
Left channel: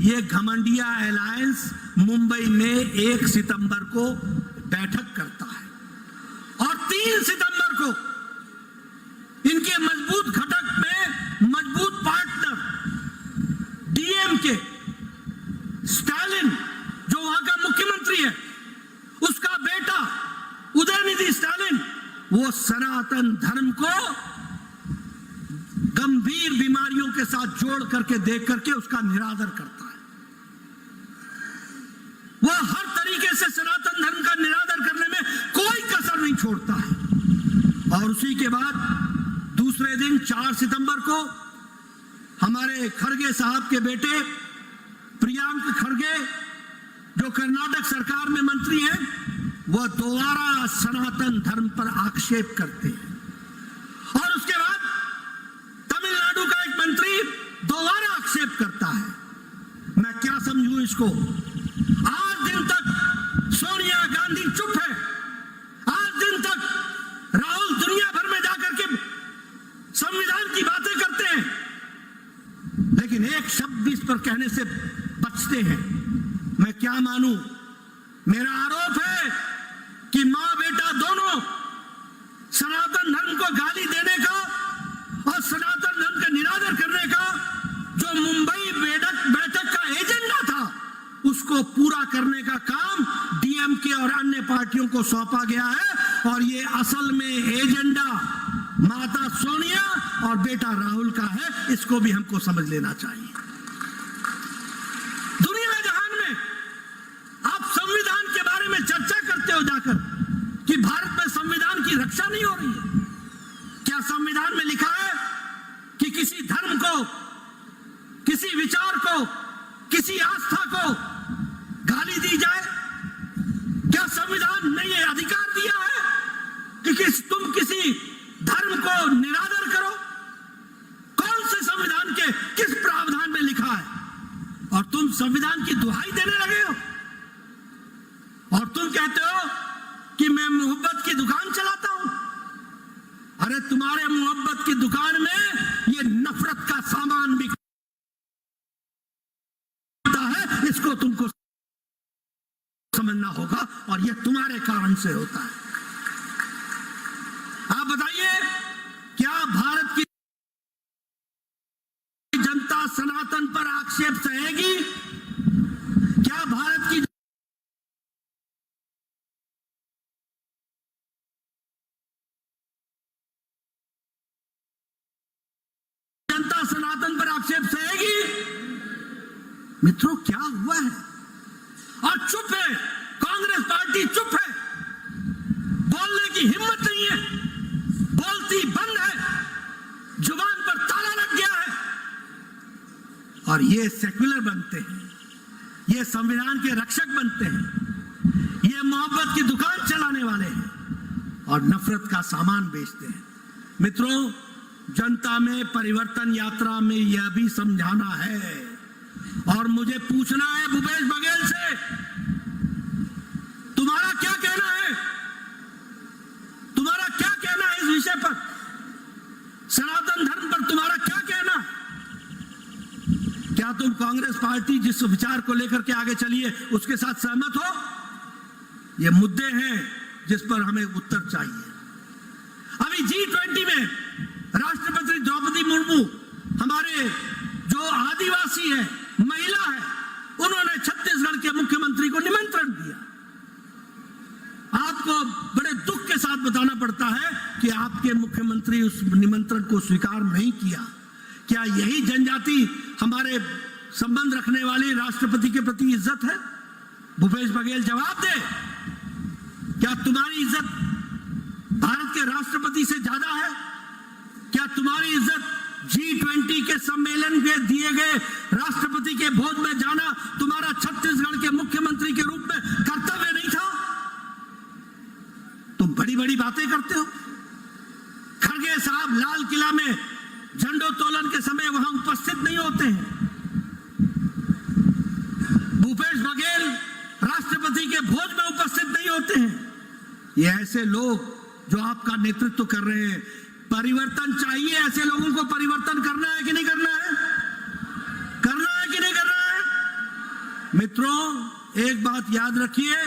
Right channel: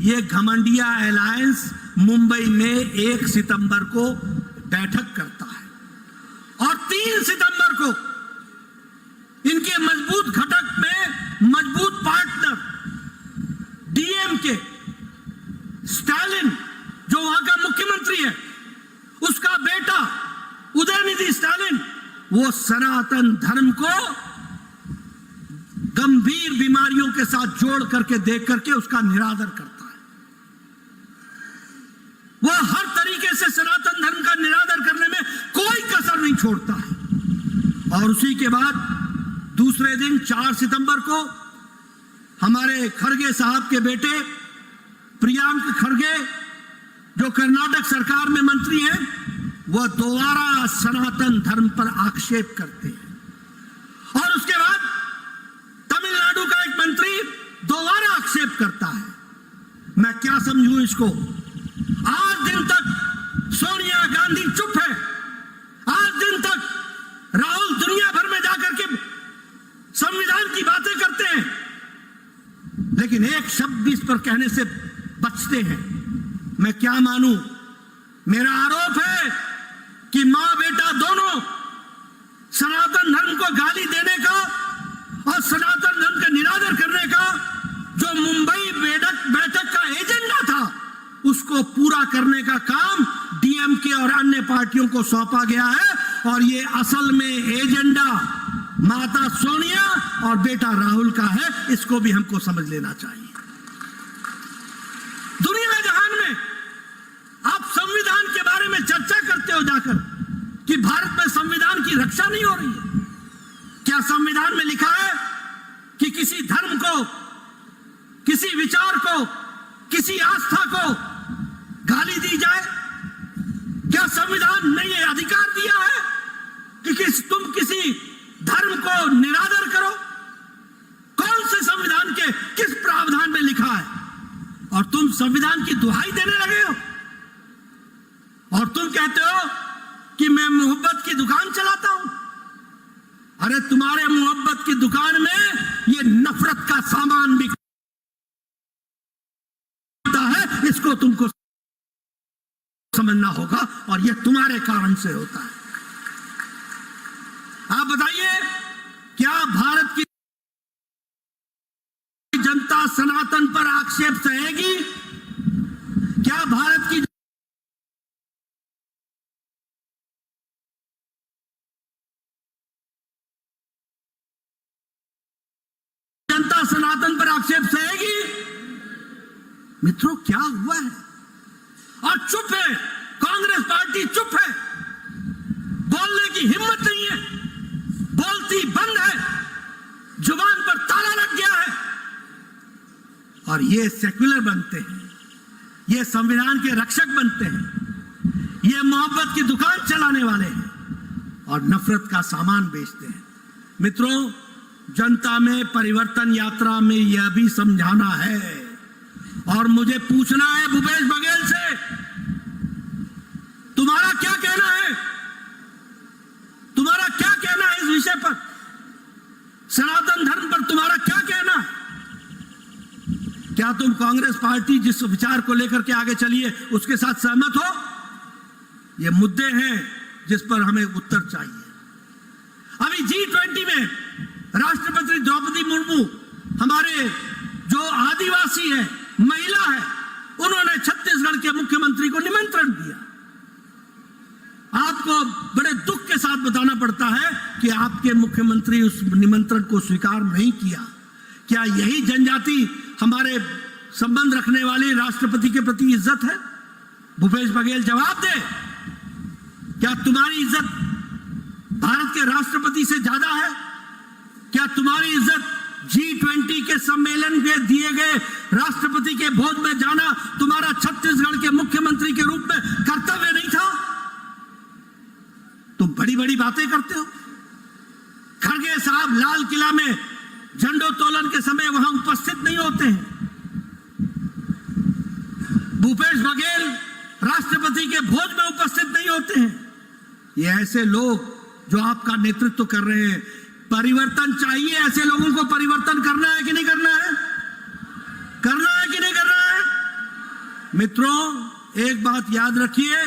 ये घमंडिया अलायंस मुंबई में 1 सितंबर को बैठक करता है और 3 सितंबर को इनके मजबूत घटक में मजबूत पार्टनर DMK स्टालिन, जो वहां का मुख्यमंत्री है, उसका बेटा उदयनिधि स्टालिन, वो सनातन धर्म को गंभीर बीमारियों के साथ जोड़ करके देख करके उसका निरादर करता है। वो हर तरीके से सनातन धर्म का निरादर करने में कोई कसर नहीं छोड़ता है। और उसी के बाद दूसरे दिन 4 सितंबर को हमारे खड़गे साहब के बेटे प्रियांक खड़गे, जो कर्नाटक सरकार में मंत्री हैं, वह दोबारा सनातन धर्म पर आक्षेप करते हैं। और उसके बाद तमिलनाडु का एक मंत्री दोबारा आक्षेप करता है। मैं क्या समझूं इसको? आज दिन तक सोनिया गांधी चुप है, आज दिन तक राहुल दुनिया भर में जाकर के संविधान की बातें करते हैं, लेकिन एक शब्द इस पर कहने से बचते हैं। मैं क्या मानूं? मेरा आरोप है कि मां बेटा दोनों सनातन धर्म को गाली देने का और सनातन धर्म का निरादर करने का जो मुंबई बैठक का एजेंडा था, उसको पूरा करने का काम DMK और अन्य पार्टियों को सौंपा गया है। और ये असल में एजेंडा माता सोनिया और बेटा राहुल का है, इसको भी हमको समझ लेना चाहिए। दुनिया जहान में आप संविधान के बारे में चर्चा करते हो जाकर कि भारत में संविधान की रक्षा नहीं हो रही है। क्या संविधान में लिखा है कि किसी धर्म को, किसी विचार को, किसी आस्था को गाली दी जाए? क्या संविधान ने यह अधिकार दिया है कि तुम किसी धर्म को निरादर करो? कौन से संविधान के किस प्रावधान में लिखा है? और तुम संविधान की दुहाई देने लगे हो और तुम कहते हो कि मैं मोहब्बत की दुकान चलाता हूं। अरे तुम्हारे मोहब्बत की दुकान में ये नफरत का सामान बिकता है, इसको तुमको समझना होगा, और ये तुम्हारे कारण से होता है। आप बताइए, क्या भारत की जनता सनातन पर आक्षेप सहेगी? क्या भारत की जनता सनातन पर आक्षेप सहेगी? मित्रों, क्या हुआ है? और चुप है, कांग्रेस पार्टी चुप है, बोलने की हिम्मत नहीं है, बोलती बंद है, जुबान पर ताला लग गया है। और ये सेक्युलर बनते हैं, ये संविधान के रक्षक बनते हैं, ये मोहब्बत की दुकान चलाने वाले हैं और नफरत का सामान बेचते हैं। मित्रों, जनता में परिवर्तन यात्रा में यह भी समझाना है और मुझे पूछना है भूपेश बघेल से, तुम्हारा क्या कहना है? तुम्हारा क्या कहना है इस विषय पर? सनातन धर्म पर तुम्हारा क्या कहना है? क्या तुम कांग्रेस पार्टी जिस विचार को लेकर के आगे चली है उसके साथ सहमत हो? ये मुद्दे हैं जिस पर हमें उत्तर चाहिए। अभी G20 में राष्ट्रपति द्रौपदी मुर्मू, हमारे जो आदिवासी है, महिला है, उन्होंने छत्तीसगढ़ के मुख्यमंत्री को निमंत्रण दिया। आपको बड़े दुख के साथ बताना पड़ता है कि आपके मुख्यमंत्री उस निमंत्रण को स्वीकार नहीं किया। क्या यही जनजाति हमारे संबंध रखने वाले राष्ट्रपति के प्रति इज्जत है? भूपेश बघेल जवाब दे, क्या तुम्हारी इज्जत भारत के राष्ट्रपति से ज्यादा है? क्या तुम्हारी इज्जत G20 के सम्मेलन के दिए गए राष्ट्रपति के भोज में जाना तुम्हारा छत्तीसगढ़ के मुख्यमंत्री के रूप में कर्तव्य नहीं था? तुम बड़ी बड़ी बातें करते हो। खड़गे साहब लाल किला में झंडोत्तोलन के समय वहां उपस्थित नहीं होते हैं। भूपेश बघेल राष्ट्रपति के भोज में उपस्थित नहीं होते हैं। ये ऐसे लोग जो आपका नेतृत्व कर रहे हैं, परिवर्तन चाहिए, ऐसे लोगों को परिवर्तन करना है कि नहीं करना है? करना है कि नहीं करना है? मित्रों, एक बात याद रखिए,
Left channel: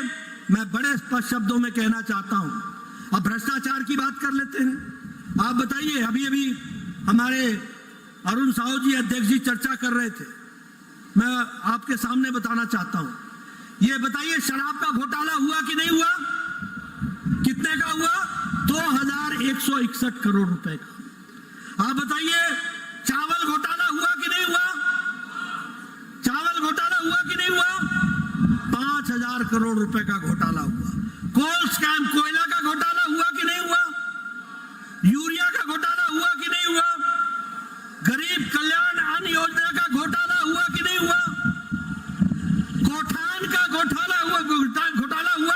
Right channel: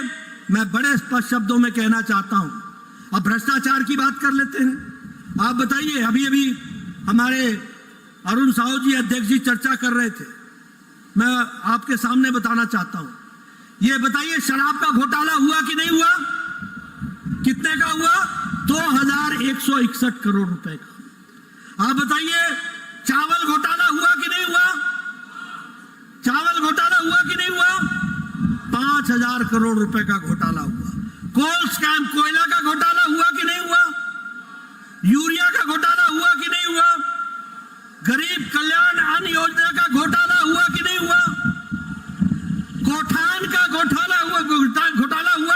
मैं बड़े स्पष्ट शब्दों में कहना चाहता हूं। अब भ्रष्टाचार की बात कर लेते हैं। आप बताइए, अभी अभी हमारे अरुण साहू जी, अध्यक्ष जी चर्चा कर रहे थे, मैं आपके सामने बताना चाहता हूं। ये बताइए, शराब का घोटाला हुआ कि नहीं हुआ? कितने का हुआ? 2161 करोड़ रुपए का। आप बताइए, चावल घोटाला हुआ कि नहीं हुआ? चावल घोटाला हुआ कि नहीं हुआ? 5000 करोड़ रुपए का घोटाला हुआ। कोल स्कैम, कोयला का घोटाला हुआ कि नहीं हुआ? यूरिया का घोटाला हुआ कि नहीं हुआ? गरीब कल्याण अन्न योजना का घोटाला हुआ कि नहीं हुआ? गोठान का घोटाला हुआ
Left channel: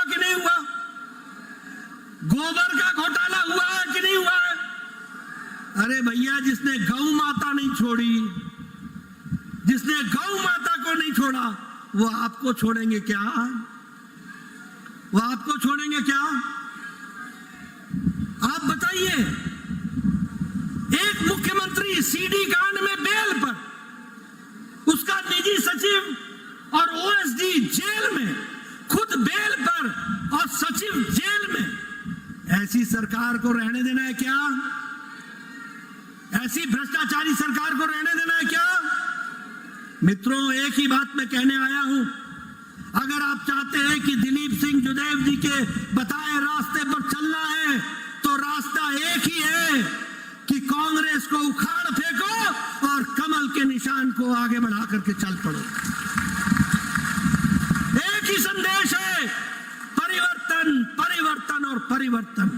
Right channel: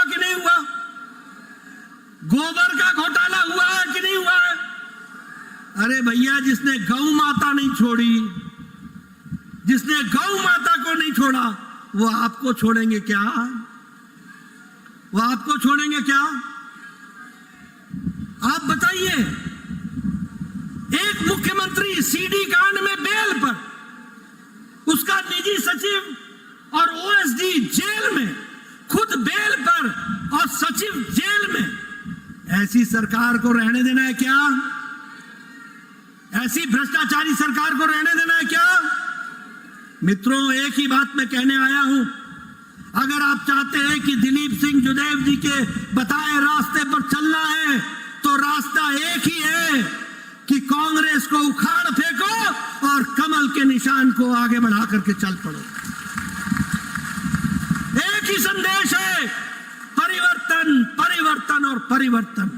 कि नहीं हुआ? गोबर का घोटाला हुआ है कि नहीं हुआ है? अरे भैया, जिसने गौ माता नहीं छोड़ी, जिसने गौ माता को नहीं छोड़ा, वो आपको छोड़ेंगे क्या? वो आपको छोड़ेंगे क्या? आप बताइए, एक मुख्यमंत्री सीडी कांड में बेल पर, उसका निजी सचिव और ओएसडी जेल में, खुद बेल पर और सचिव जेल में। ऐसी सरकार को रहने देना है क्या? ऐसी भ्रष्टाचारी सरकार को रहने देना है क्या? मित्रों, एक ही बात मैं कहने आया हूं। अगर आप चाहते हैं कि दिलीप सिंह जुदेव जी के बताए रास्ते पर चलना है, तो रास्ता एक ही है कि कांग्रेस को उखाड़ फेंको और कमल के निशान को आगे बढ़ा करके चल पड़ो। एक ही संदेश है, परिवर्तन, परिवर्तन और परिवर्तन।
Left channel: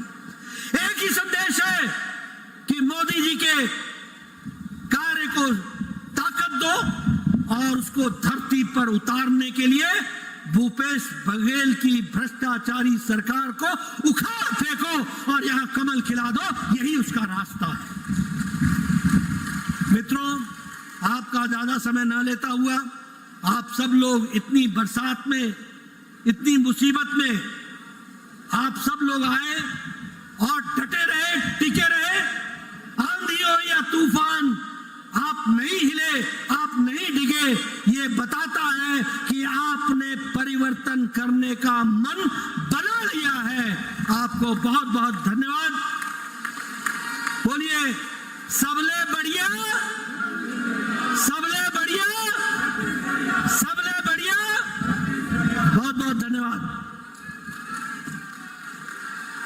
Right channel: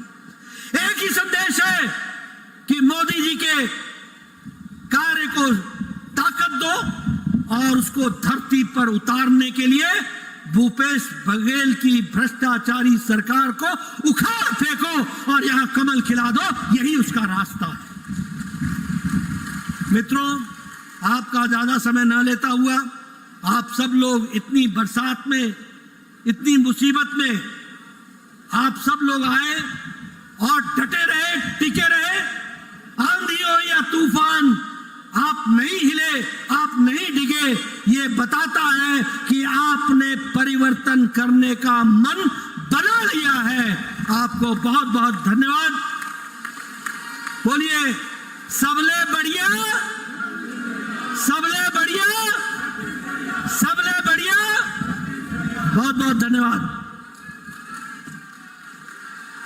एक ही संदेश है कि मोदी जी के कार्य को ताकत दो और उसको धरती पर उतारने के लिए भूपेश बघेल की भ्रष्टाचारी सरकार को उखाड़ फेंको और यहां कमल खिला दो। यही उसका रास्ता है। मित्रों, आपका ज्यादा समय न लेता हुआ, आप सब लोग इतनी बरसात में, इतनी मुसीबत में आप सब लोग आए और डटे रहे, टिके रहे करने का मन बना लिया है। आपको बहुत बहुत धन्यवाद। बोलिए सबले बढ़िया, सबले बढ़िया, सबले बढ़िया। बहुत बहुत धन्यवाद।